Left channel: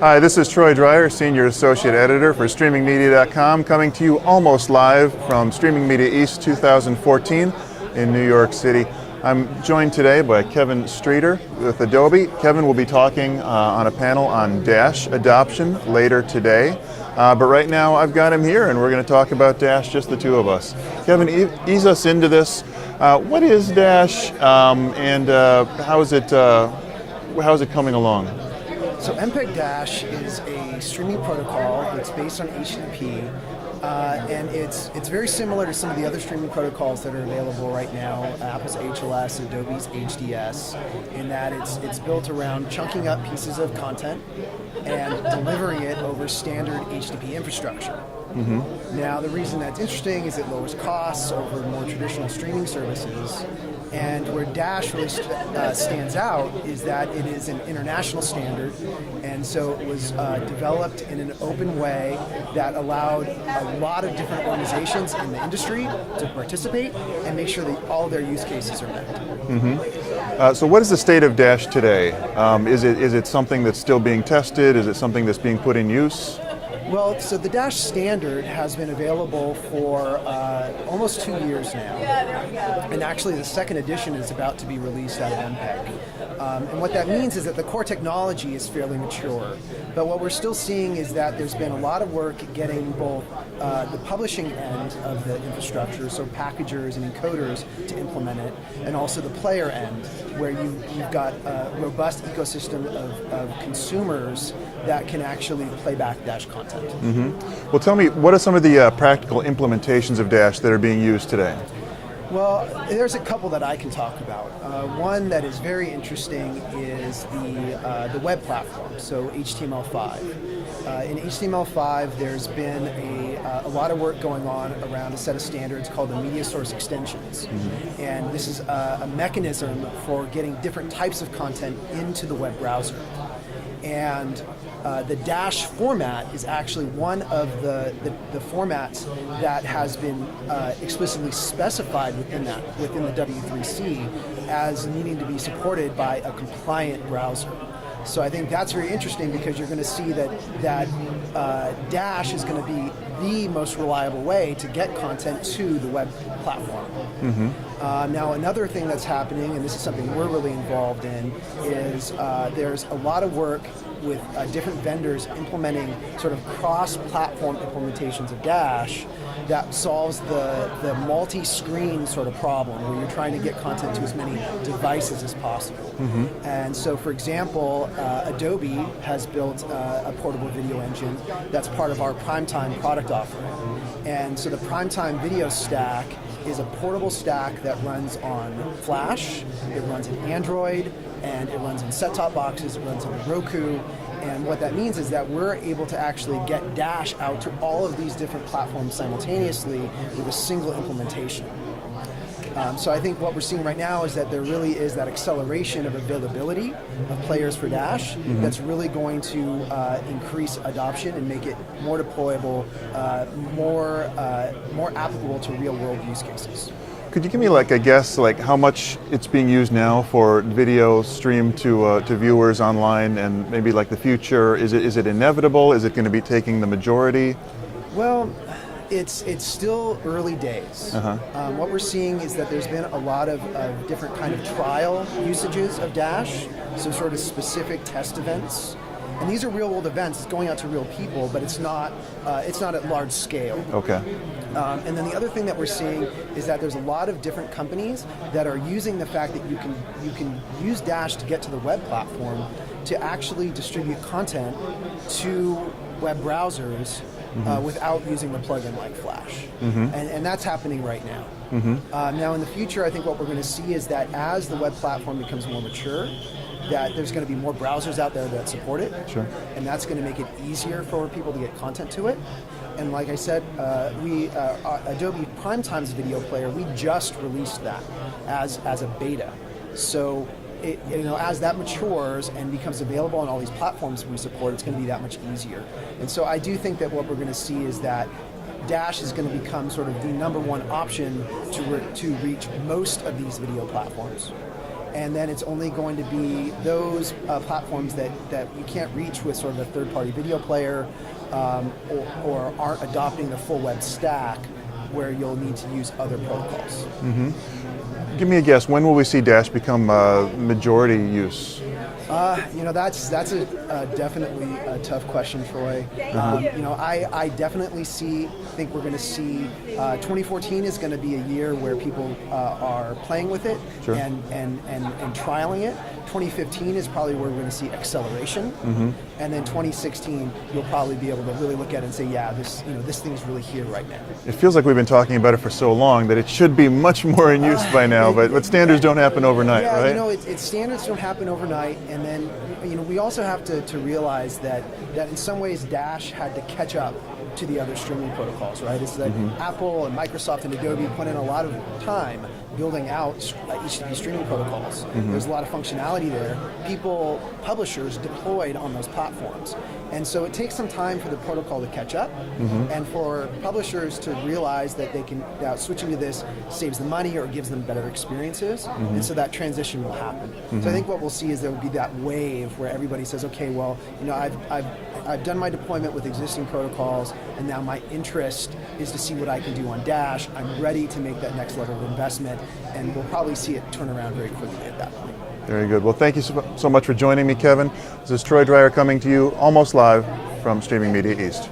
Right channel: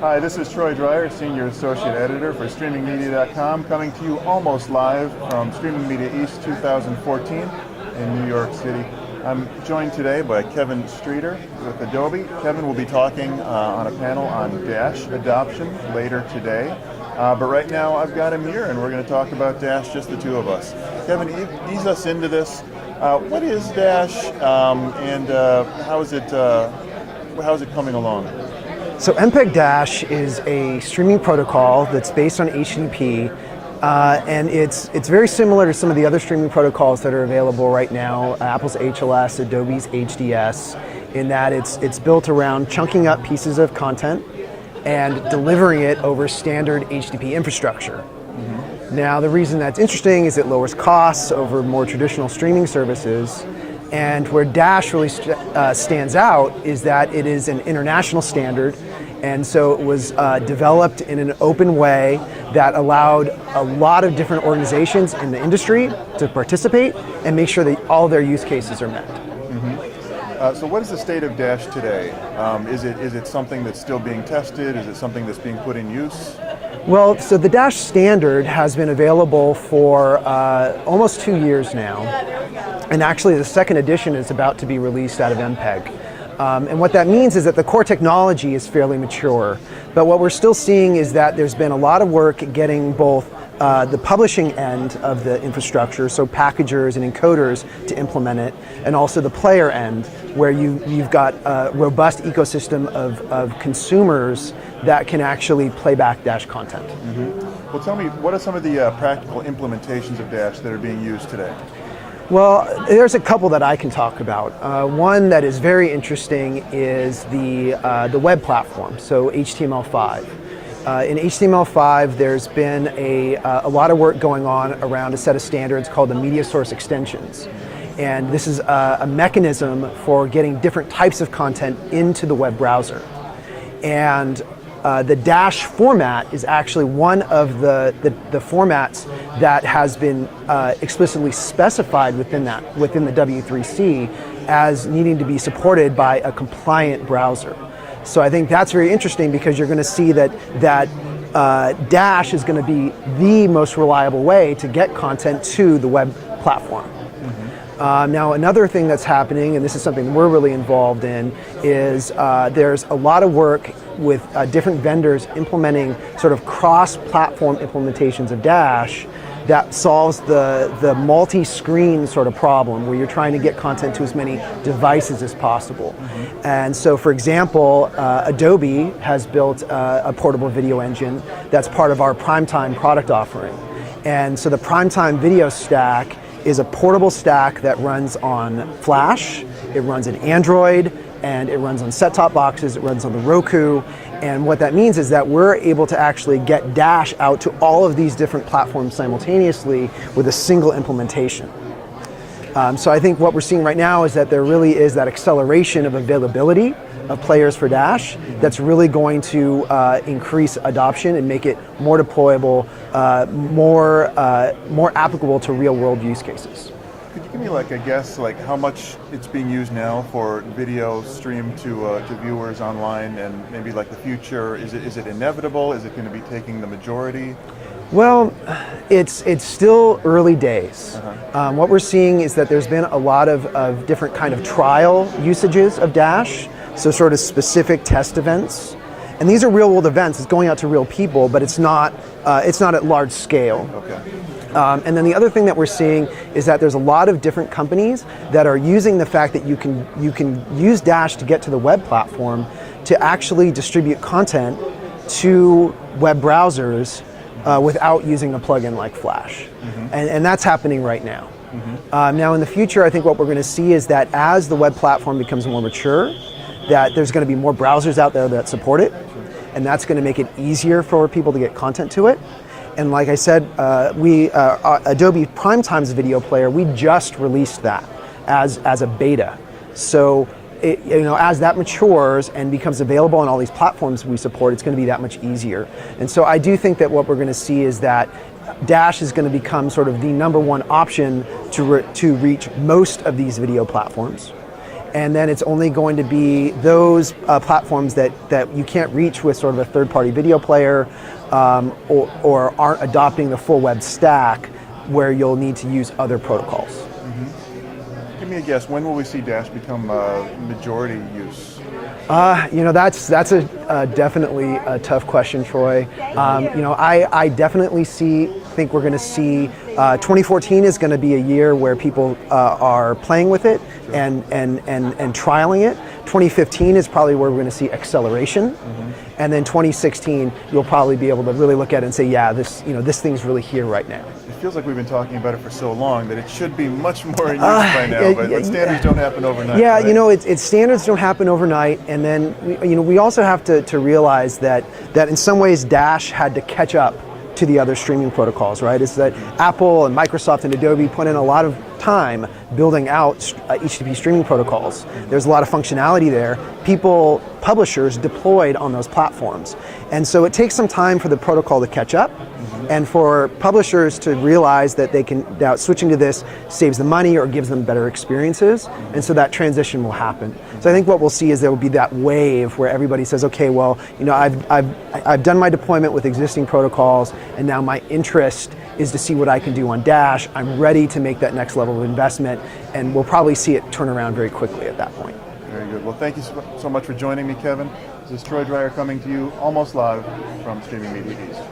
Hi, this is Troy Dreyer, Senior Associate Editor for StreamingMedia.com, coming to you almost live from Streaming Media East 2014 in New York City. I'm joined today by Kevin Streeter with Adobe. Kevin will be talking on a panel on Dash adoption later today. But right now I've got him here and we're going to talk about Dash, just the two of us. Kevin, ease us into this. What is Dash and how is it coming along? So MPEG-DASH is a streaming protocol that's based on HTTP, and it's very similar to some of the other streaming protocols that are available right now, Apple's HLS, Adobe's HDS, in that it's built around chunking up pieces of content and delivering it over standard HTTP infrastructure. Mm-hmm. Now, the reason that's interesting is it lowers costs over more traditional streaming services. And where Dash really stands out is that it is an international standard, and so it was developed in an open way that allowed a lot of different organizations in the industry to participate and make sure that all their use cases are met. Mm-hmm. So what is the state of Dash today? Is it something that's still being tested? Is it something that's being put in use? Well, so the Dash standard has been available for almost 2 years now, and actually the second edition is about to be released out of MPEG. And what that means is that the core technology is fairly mature, but what we're still seeing is that there's been a lot of work getting both the publishing end of the infrastructure, so packagers and encoders to implement it, and also the player end, where you've got a robust ecosystem of consumers that can actually play back Dash content. Mm-hmm. Well, tell me, what are some of the practical implementations of Dash that are being used today? Well, there's a couple that I can talk about. One that is very interesting is the web platform, so HTML5. In HTML5, there's been a lot of work going on around a set of standards called the media source extensions. Mm-hmm. And this is a mechanism for getting different types of content into the web browser. And the Dash format is actually one of the formats that has been explicitly specified within the W3C as needing to be supported by a compliant browser. So I think that's very interesting because you're going to see that Dash is going to be the most reliable way to get content to the web platform. Mm-hmm. Now, another thing that's happening, and this is something we're really involved in, is there's a lot of work with different vendors implementing sort of cross-platform implementations of Dash that solves the multi-screen sort of problem where you're trying to get content to as many devices as possible. Mm-hmm. And so, for example, Adobe has built a portable video engine that's part of our Primetime product offering. And so the Primetime video stack is a portable stack that runs on Flash, it runs in Android, and it runs on set-top boxes, it runs on the Roku. And what that means is that we're able to actually get Dash out to all of these different platforms simultaneously with a single implementation. So I think what we're seeing right now is that there really is that acceleration of availability of players for Dash. Mm-hmm. That's really going to increase adoption and make it more deployable, more applicable to real-world use cases. Could you give me like a guess, like how much it's being used now for video streamed to viewers online, and maybe like the future? Is it inevitable? Is it going to be taking the majority? Well, it's still early days. Uh-huh. What we're seeing is that there's been a lot of different kind of trial usages of Dash, so sort of specific test events. And these are real-world events. It's going out to real people, but it's not at large scale. Okay. And then the other thing that we're seeing is that there's a lot of different companies that are using the fact that you can use Dash to get to the web platform to actually distribute content to web browsers without using a plugin like Flash. Mm-hmm. And that's happening right now. Mm-hmm. Now in the future, I think what we're going to see is that as the web platform becomes more mature, that there's going to be more browsers out there that support it, sure. And that's going to make it easier for people to get content to it. And like I said, Adobe Primetime's video player, we just released that as a beta. So as that matures and becomes available on all these platforms we support, it's going to be that much easier. And so I do think that what we're going to see is that Dash is going to become sort of the #1 option to reach most of these video platforms. and then it's only going to be those platforms that you can't reach with sort of a third-party video player or aren't adopting the full web stack, where you'll need to use other protocols. Give me a guess, when will we see Dash become majority use? That's definitely a tough question, Troy. I definitely think we're going to see 2014 is going to be a year where people are playing with it and trialing it. 2015 is probably where we're going to see acceleration, and then 2016 you'll probably be able to really look at it and say, yeah, this thing's really here right now. It feels like we've been talking about it for so long that it should be much more in use by now, but standards don't happen overnight. Yeah, right? It's standards don't happen overnight, and then we also have to realize that in some ways Dash had to catch up to the other streaming protocols, right? It's that Apple and Microsoft and Adobe put in a lot of time building out HTTP streaming protocols. There's a lot of functionality there. Publishers deployed on those platforms. And so it takes some time for the protocol to catch up and for publishers to realize that they can, now switching to this saves them money or gives them better experiences. And so that transition will happen. So I think what we'll see is there will be that wave where everybody says, okay, well, I've done my deployment with existing protocols, and now my interest is to see what I can do on Dash. I'm ready to make that next level of investment, and we'll probably see it turn around very quickly at that point. Very good. Well, thank you so much for joining me, Kevin. This is Troy Dreyer coming to you almost live from Streaming Media East.